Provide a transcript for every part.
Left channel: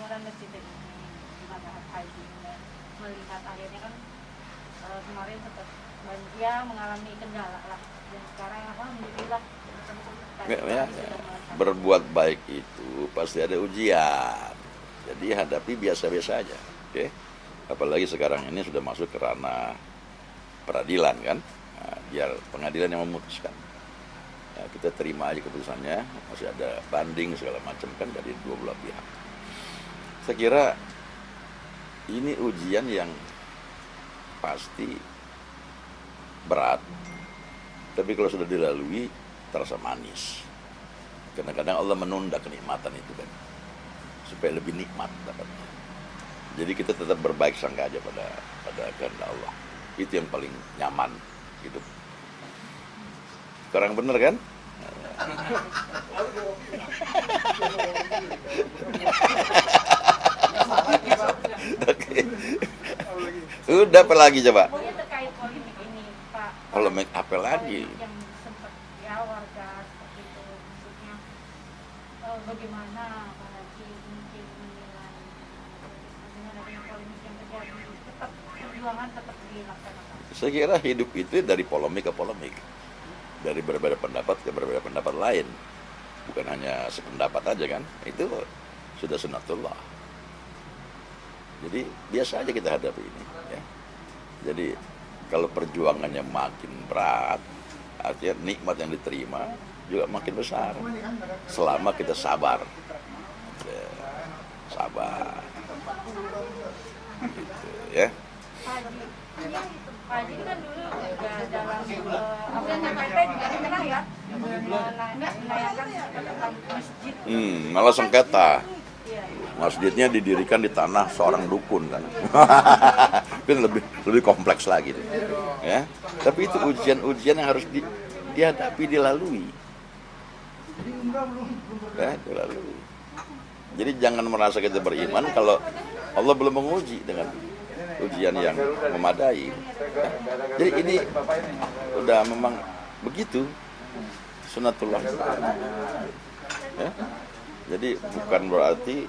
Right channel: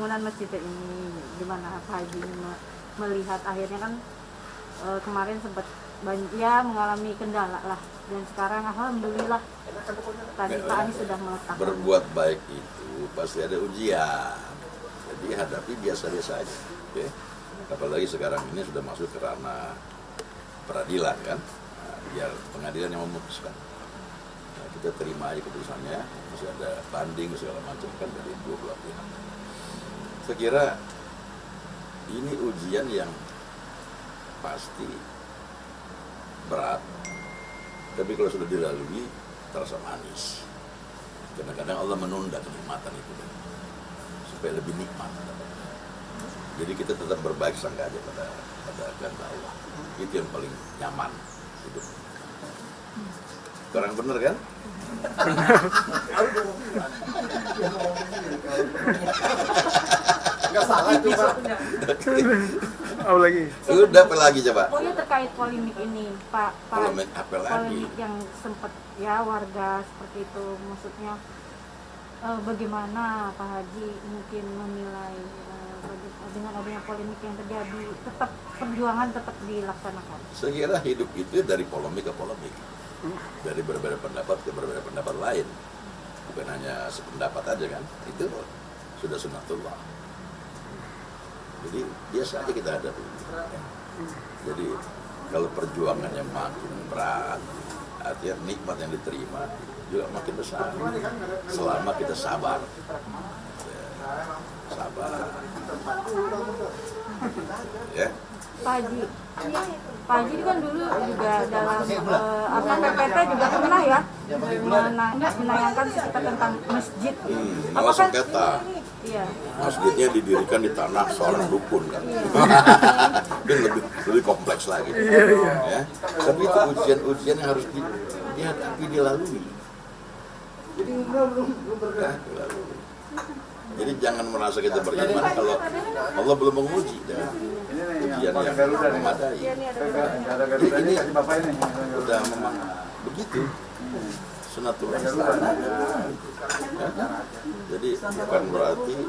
pembangunan masjid ini, gimana Pak Haji melihat akhirnya kan kemarin sempat ya mengalami kendala lah, dan sekarang alhamdulillah tadi Pak Anies sudah meletakkan. Berbuat baik itu pasti ada ujian, jadi hadapi biasa-biasa aja, oke? Apalagi sekarang ini sudah masuk ke ranah peradilan kan, nah, biar pengadilan yang memutuskan. Nah, kita terima aja keputusannya, masih ada banding segala macam kan dari dua belah pihak. Saya kira ini ujian yang pasti berat, tapi kalau sudah dilalui terasa manis. Kadang-kadang Allah menunda kenikmatan itu kan, supaya lebih nikmat dapatnya. Jadi kita tetap berbaik sangka aja pada kehendak Allah. Itu yang paling nyaman hidup. Kurang bener kan? Nggak salah itu Pak. Lagi. Udah apa lagi coba? Pokoknya terkait polemik ini Pak. Polemik apa lagi? Polemik yang sempat ya warga seperti itu, maksudnya bagaimana Pak Haji mungkin menilai dengan adanya polemik yang terjadi, tetap perjuangan tetap dilaksanakan? Saya kira hidup itu dari polemik ke polemik, dari berbeda pendapat ke berbeda pendapat lain, bukan hanya sependapat aja kan, itu sudah sunatullah. Jadi biasa aja kita hadapi ini ya. Jadi kalau perjuangannya makin berat, artinya nikmat yang diterima juga makin besar selama kita sabar ya, sabar ya. Pak Haji, Pak Haji kan dulu juga dalam PPT juga pernah ya menayangkan cerita tentang masjid. Malah sengketa. Iya. Masjidnya didirikan di tanah seorang dukun kan. Itu lebih kompleks lagi. Ya. Tapi itu ujian-ujian yang harus dihadapi, dilalui. Ya, dilalui. Jadi jangan merasa kita beriman kalau Allah belum menguji dengan ujian yang memadai. Jadi ini udah memang begitu sunatullah. Ya. Jadi bukan berarti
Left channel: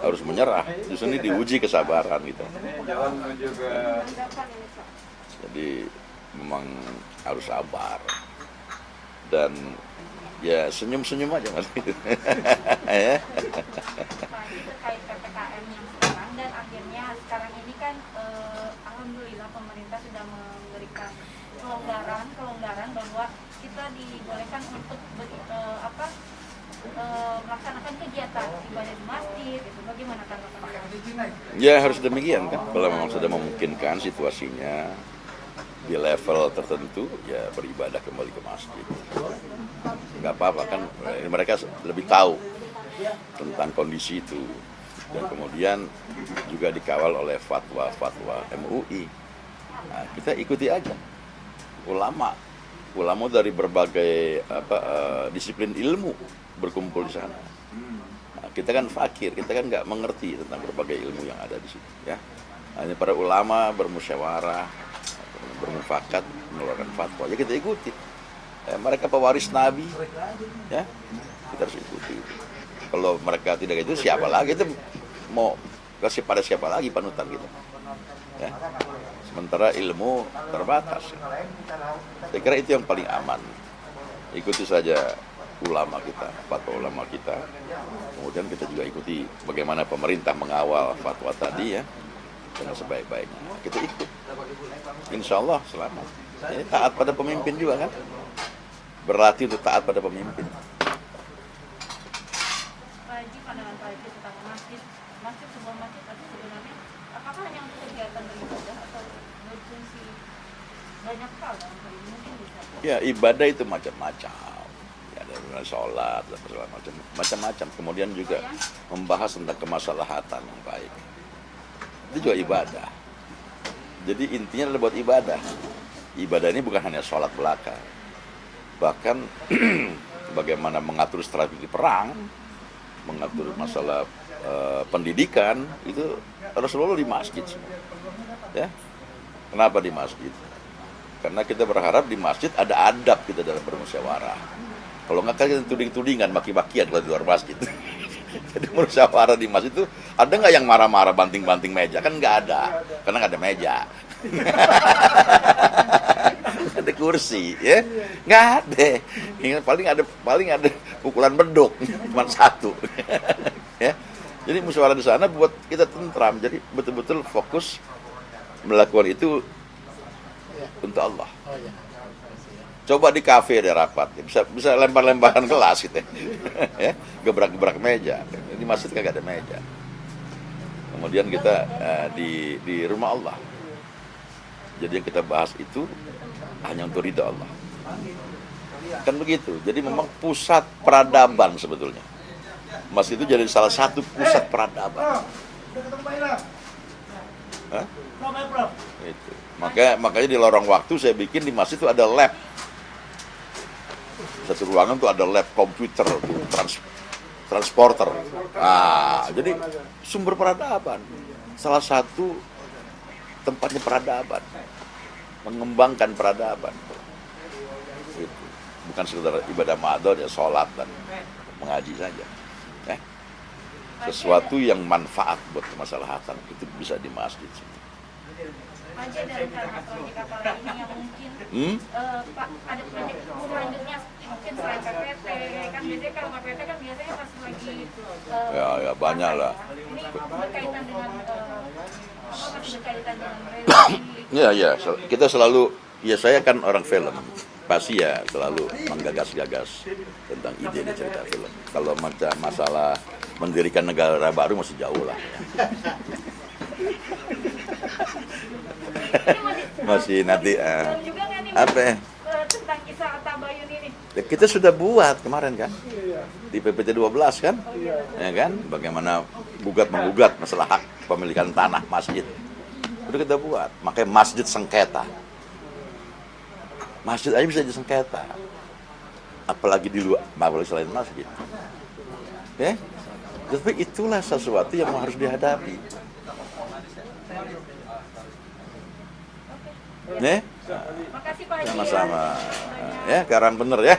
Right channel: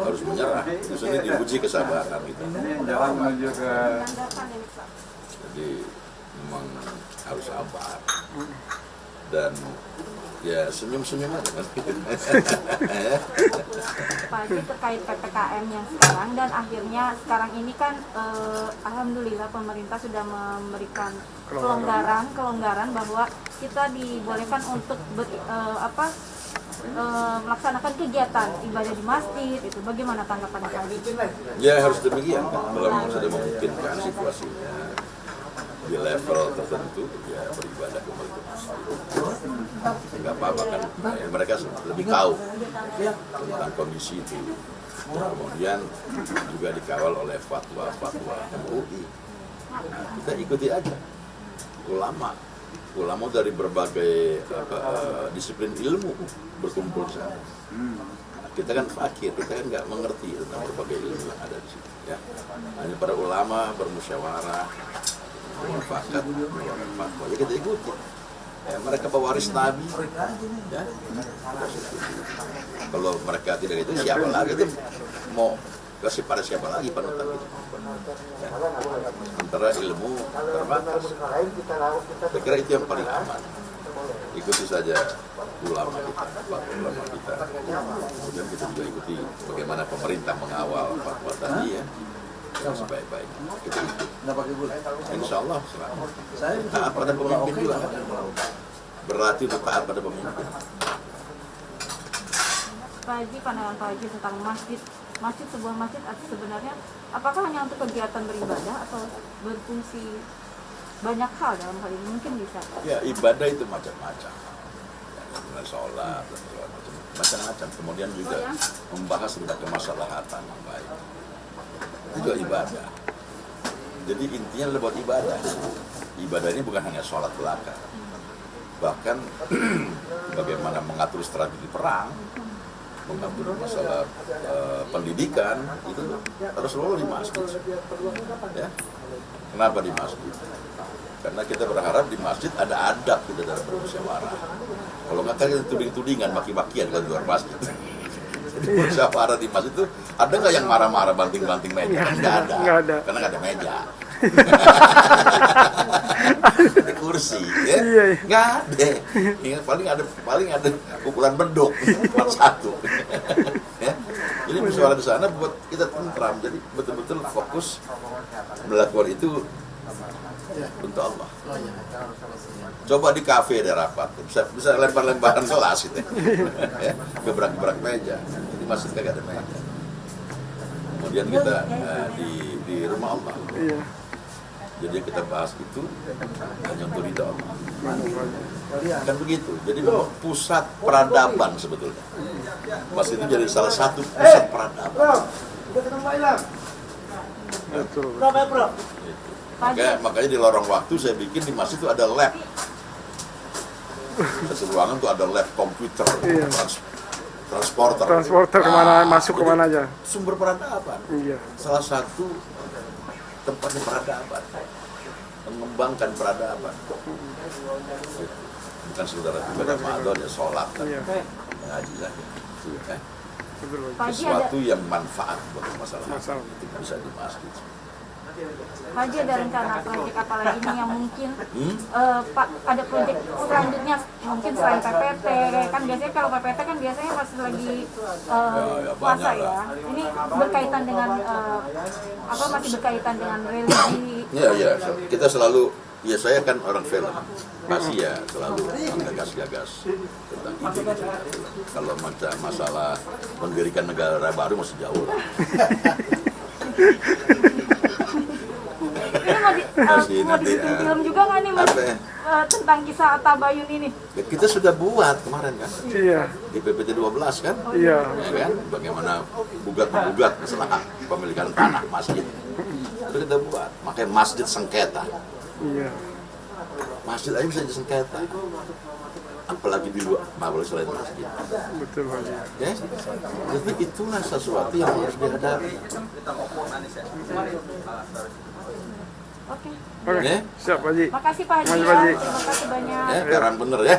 harus menyerah. Justru ini diuji kesabaran gitu. Jadi memang harus sabar dan ya senyum-senyum aja mas. Pak Haji, terkait PPKM yang sekarang dan akhirnya sekarang ini kan alhamdulillah pemerintah sudah memberikan kelonggaran bahwa kita dibolehkan untuk melaksanakan kegiatan ibadah di masjid. Itu bagaimana tanggapan Pak Haji? Ya harus demikian kan, kalau memang sudah memungkinkan situasinya di level tertentu ya beribadah kembali ke masjid. Nggak apa-apa kan, mereka lebih tahu tentang kondisi itu. Dan kemudian juga dikawal oleh fatwa MUI. Nah, kita ikuti aja ulama dari berbagai disiplin ilmu berkumpul di sana. Nah, kita kan fakir, kita kan nggak mengerti tentang berbagai ilmu yang ada di situ. Ya, hanya para ulama bermusyawarah, bermufakat, mengeluarkan fatwa. Ya kita ikuti. Mereka pewaris Nabi, ya kita harus ikuti. Kalau mereka tidak itu, siapa lagi? Kita mau kasih pada siapa lagi panutan gitu? Ya. Sementara ilmu terbatas. Saya kira itu yang paling aman. Ikuti saja ulama kita, fatwa ulama kita. Kemudian kita juga ikuti bagaimana pemerintah mengawal fatwa tadi ya, dengan sebaik-baiknya. Kita ikut. Insya Allah selamat. Taat pada pemimpin juga kan. Berlatih untuk taat pada pemimpin. Pak Haji, pandangan Pak Haji tentang masjid sebuah masjid sebenarnya apakah hanya untuk kegiatan beribadah atau berfungsi banyak hal dalam hal ini, mungkin bisa Pak? Ya ibadah itu macam-macam. Ya, sholat dan segala macam-macam. Kemudian juga membahas tentang kemaslahatan yang baik. Itu juga ibadah. Jadi intinya adalah buat ibadah. Ibadah ini bukan hanya sholat belaka. Bahkan bagaimana mengatur strategi perang, mengatur masalah pendidikan, itu Rasulullah di masjid. Ya. Kenapa di masjid? Karena kita berharap di masjid ada adab kita dalam bermusyawarah. Kalau nggak kan kita tuding-tudingan, maki-makian kalau di luar masjid. Jadi musyawarah di masjid itu ada nggak yang marah-marah banting-banting meja? Kan nggak ada. Nggak ada. Karena nggak ada meja. Ada kursi, ya? Iya. Nggak ada. Ya, paling ada pukulan beduk, cuma satu. Ya. Jadi musyawarah di sana buat kita tentram. Jadi betul-betul fokus melakukan itu untuk Allah. Coba di kafe ada rapat, bisa lempar-lemparan gelas gitu, ya, gebrak-gebrak meja. Ini masjid kagak ada meja. Kemudian kita di rumah Allah. Iya. Jadi yang kita bahas itu hanya untuk ridha Allah. Kan begitu. Jadi memang pusat peradaban sebetulnya. Masjid itu jadi salah satu pusat peradaban. Hah? Gitu. Makanya di lorong waktu saya bikin di masjid itu ada lab. Satu ruangan tuh ada lab komputer, Iya. transporter. Kemana masuk jadi kemana aja. Sumber peradaban. Iya. Salah satu tempatnya peradaban, mengembangkan peradaban. Bukan sekedar ibadah ma'ador ya, sholat dan Iya. mengaji saja. Ya. Pak Haji Sesuatu yang manfaat buat masalah itu bisa di masjid. Pak Haji ada rencana proyek apa lagi nih yang mungkin Pak ada proyek selanjutnya mungkin selain PPT kan biasanya kalau PPT kan biasanya pas lagi Ya, banyak puasa lah. ya. Ini berkaitan dengan masih berkaitan dengan religi. Ya, kita selalu, ya saya kan orang film, pasti ya selalu menggagas-gagas tentang ide cerita film. Kalau macam masalah mendirikan negara baru masih jauh lah. Masih nanti Film juga nggak nih apa ya? tentang kisah Tabayun ini? Ya, kita sudah buat kemarin kan Iya. di PPT 12 kan, Iya. ya kan, bagaimana menggugat masalah hak pemilikan tanah masjid. Itu kita buat, makanya masjid sengketa. Iya. Masjid aja bisa disengketa, apalagi di luar, apalagi selain masjid. Betul, Pak Haji. Ya, tapi itulah sesuatu yang harus dihadapi. Oke. Oke. Ya. Siap, Pak Haji. Makasih Pak Haji. Makasih, Pak Haji. Terima kasih banyak. Ya, sekarang bener ya.